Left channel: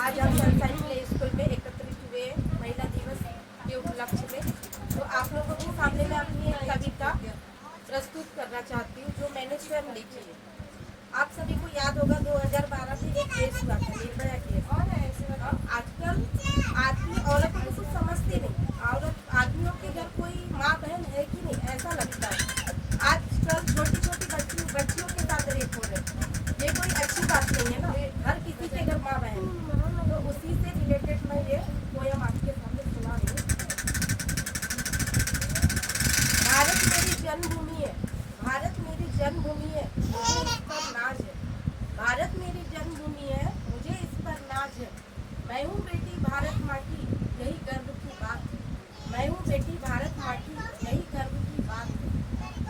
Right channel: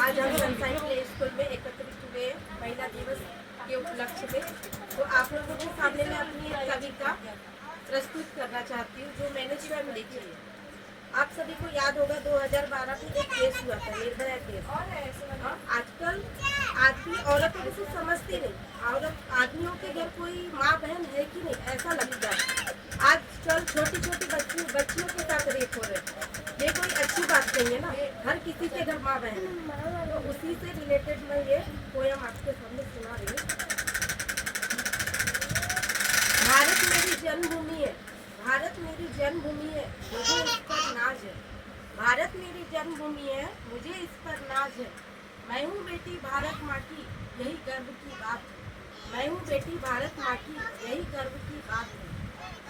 आज हम sunshine play school में एकत्रित हुए महिला दिवस के उपलक्ष्य में, तो आप लोगों के सामने मैं अपनी एक कविता प्रस्तुत करना चाहती हूँ जो मैंने स्वयं लिखी है। आप सभी को याद होगा 2012 में एक केस हुआ था, निर्भया केस। आजकल आदमी औरत किसी समझती नहीं, औरत आदमियों के घर कोई माँ बहन है कि नहीं ऐसा लगता है। आजकल छोटी छोटी बच्चियों के साथ रेप हो रहे हैं, ये कोई अच्छी बात नहीं है ना। हर किसी के घर माँ बहन है, तो उसी से रिलेटेड मैं ये पोयम आपके सामने सुना रही हूँ। भारत मेरी जन्मभूमि है, भारत मेरी जन्मभूमि है, मुझे इस पर नाज है। भारत मेरी जन्मभूमि है, मुझे इस पर नाज है। मैं हूँ बेटी भारत माँ की, यही गर्व की बात है। मैं हूँ बेटी भारत माँ की, यही गर्व की बात है।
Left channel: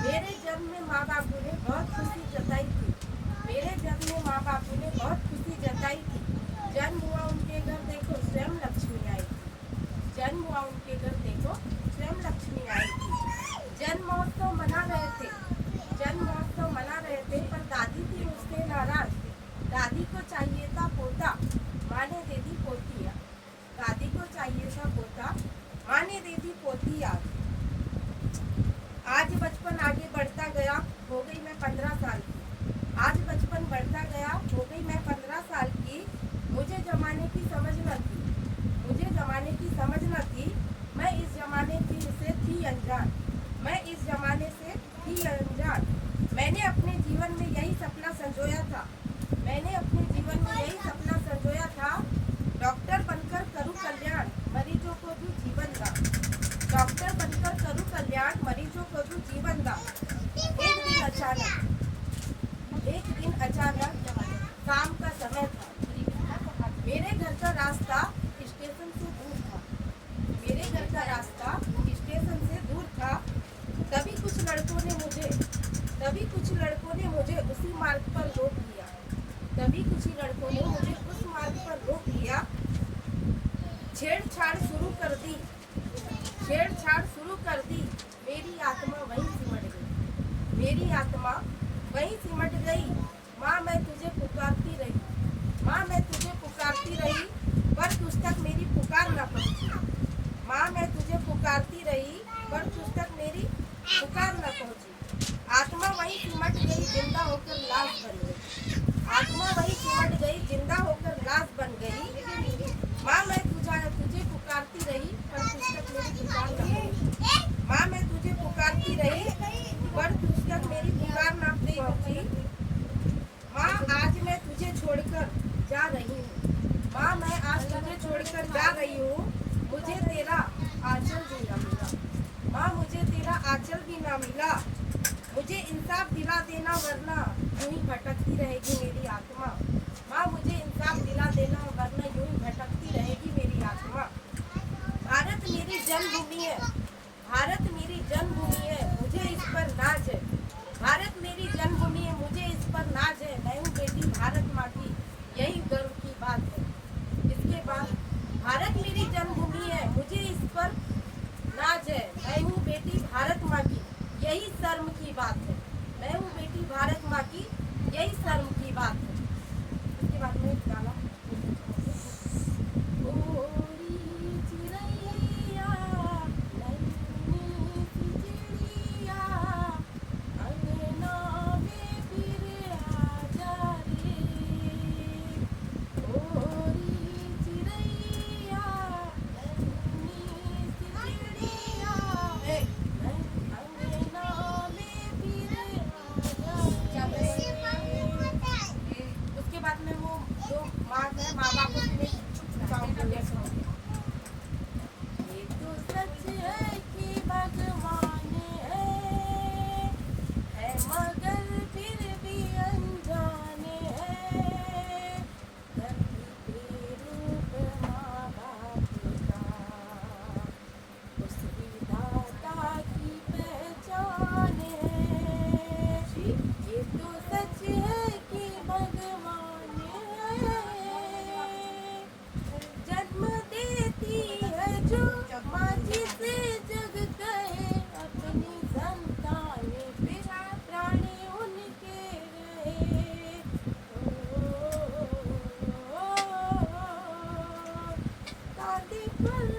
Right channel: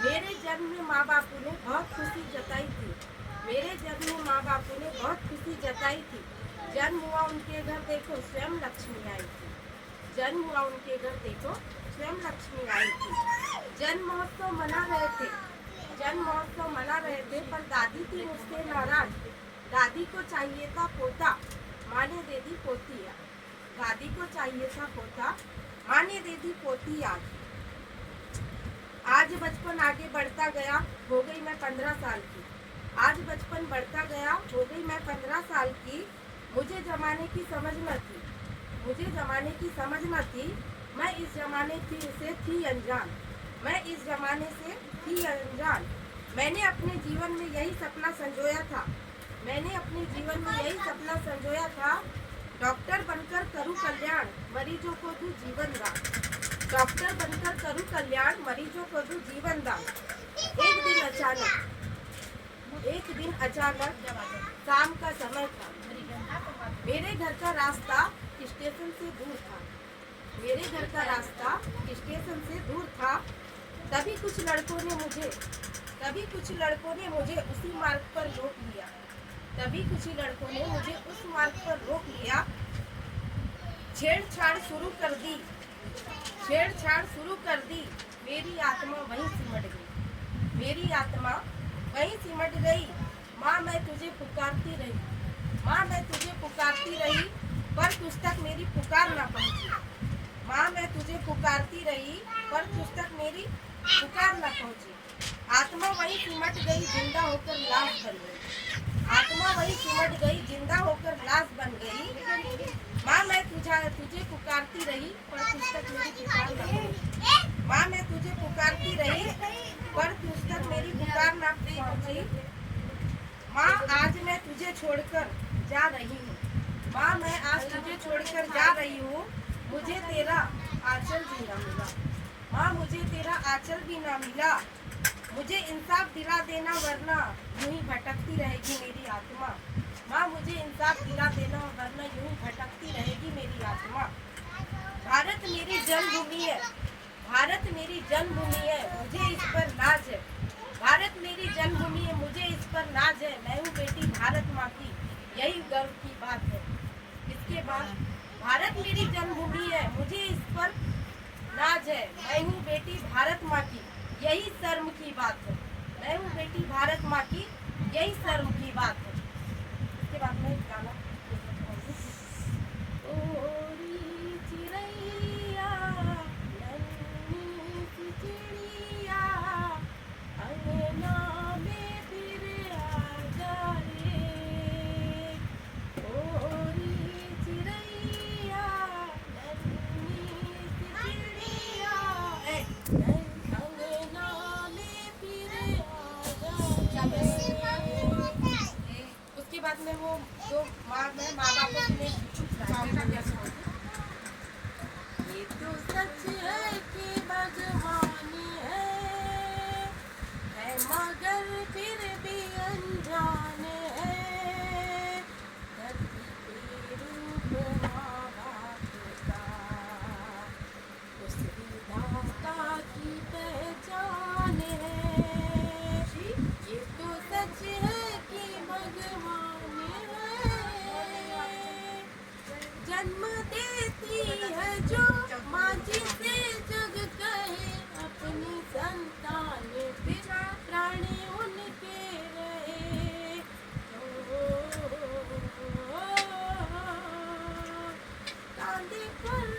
मेरे जन्म में माँ बापू ने बहुत खुशी जताई थी, मेरे जन्म में माँ बापू ने बहुत खुशी जताई थी। जन्म हुआ उनके घर देखो स्वयं लक्ष्मी आई थी, जन्म हुआ उनके घर देखो स्वयं लक्ष्मी आई थी। जन्म महोत्सव मना रहे थे, जन्म महोत्सव मना रहे थे, पर दादी थी मुझसे नाराज। दादी को चाहिए था पोता, माँ ने दे दी पोती याद। दादी को चाहिए था पोता, माँ ने दे दी पोती याद। आज बचपन आगे बढ़ता गया, हो गई मैं 15 साल की। आज बचपन बढ़ता गया, हो गई मैं 15 साल की। मुझे जमाने की समझ न थी, मुझे जमाने की समझ न थी। मैं इस जमाने की से थी अनजान, मैं इस जमाने से थी अनजान। मैंने अपने जीवन में यही सपना संजोया था, मैंने अपने जीवन में यही सपना संजोया था। डॉक्टर बनकर करूं कल्याण, मरीजों को दूं जीवन दान। डॉक्टर बनकर करूं कल्याण, मरीजों को दूं जीवन दान। एक दिन अचानक शाम का समय था, मेरे घर का रास्ता स्टेशन से दूर था, मेरे घर का रास्ता स्टेशन से दूर था। तभी कुछ लड़कों ने मुझे उसी मार्ग पर रोक लिया, तभी कुछ लड़कों ने मुझे उस मार्ग पर रोक लिया। छेड़छाड़ शुरू कर दी, छेड़छाड़ शुरू कर दी। मेरी आत्मा वहीं सिमट गई, मेरी आत्मा वहीं सिमट गई। माँ मैं तुझे पुकारती रही, माँ मैं तुझे पुकारती रही, पर तुझ तक मेरी पुकार ना पहुँची। माँ मैं तुझे पुकारती रही, पर तुझ तक मेरी पुकार ना पहुँची। आत्मा वहीं सिमट गई, जिंदा होकर लाश बन गई। आत्मा वहीं सिमट गई, जिंदा होकर लाश बन गई। माँ मैं तुझे पुकारती रही, पर तुझ तक मेरी पुकार ना पहुँची। माँ मैं तुझे पुकारती रही, पर तुझ तक मेरी पुकार ना पहुँची। माँ आज मैं तुझे छोड़कर जा रही हूँ, माँ मैं आज तुझे छोड़कर जा रही हूँ। मुझे तेरा आंचल भी ना मिला, माँ मुझे तेरा आंचल भी ना मिला। मुझे इंसाफ दिला देना वरना यूं ही भटकती रहेगी मेरी आत्मा। माँ मुझे इंसाफ दिला देना वरना यूं ही भटकती रहेगी मेरी आत्मा। भारत मेरी जन्मभूमि है, भारत मेरी जन्मभूमि है, मुझे इस पर नाज है। भारत मेरी जन्मभूमि है, मुझे इस पर नाज है। मैं हूँ बेटी भारत माँ की, यही गर्व की बात है। इसके बाद भारत मेरी जन्मभूमि है, मुझे इस पर नाज है। मैं हूँ बेटी भारत माँ की, यही शर्म की बात है। मैं हूँ बेटी भारत माँ की, यही शर्म की बात है। इसके बाद में एक गाना बाद में वो जो माँ बापों के लिए ये तो सच है कि भगवान है मगर फिर भी अनजाने हैं। धरती के रूप माँ बाप का, उस विधाता की पहचान है। ये तो सच है कि भगवान जन्म देती है जो माँ जिसे माँ